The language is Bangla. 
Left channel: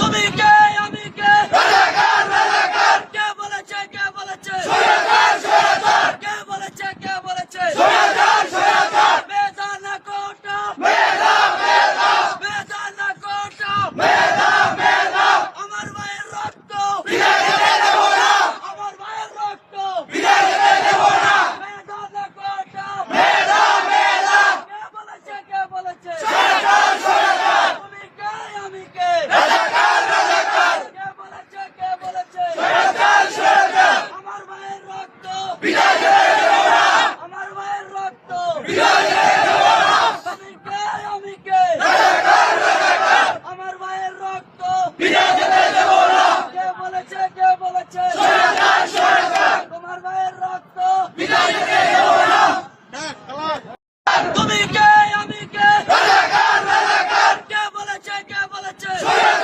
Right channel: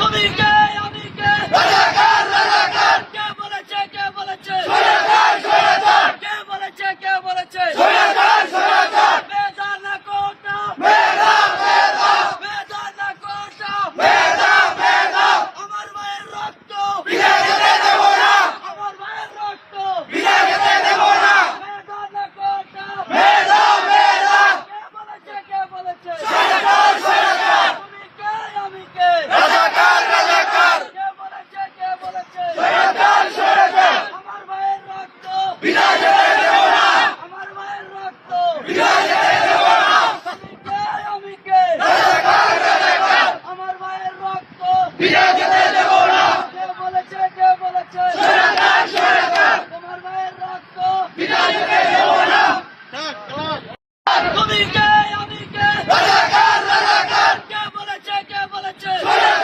তুমি কে আমি কে কে বলেছে কে বলেছে কে বলেছে মেধা না কোটা মেধা না কোটা আমার মায়ের রক্ত আমার মায়ের রক্ত মেধা না কোটা কে বলেছে তুমি কে আমি কে কে বলেছে আমার মায়ের রক্ত আমার মায়ের রক্ত তুমি কে আমি কে আমার মায়ের রক্ত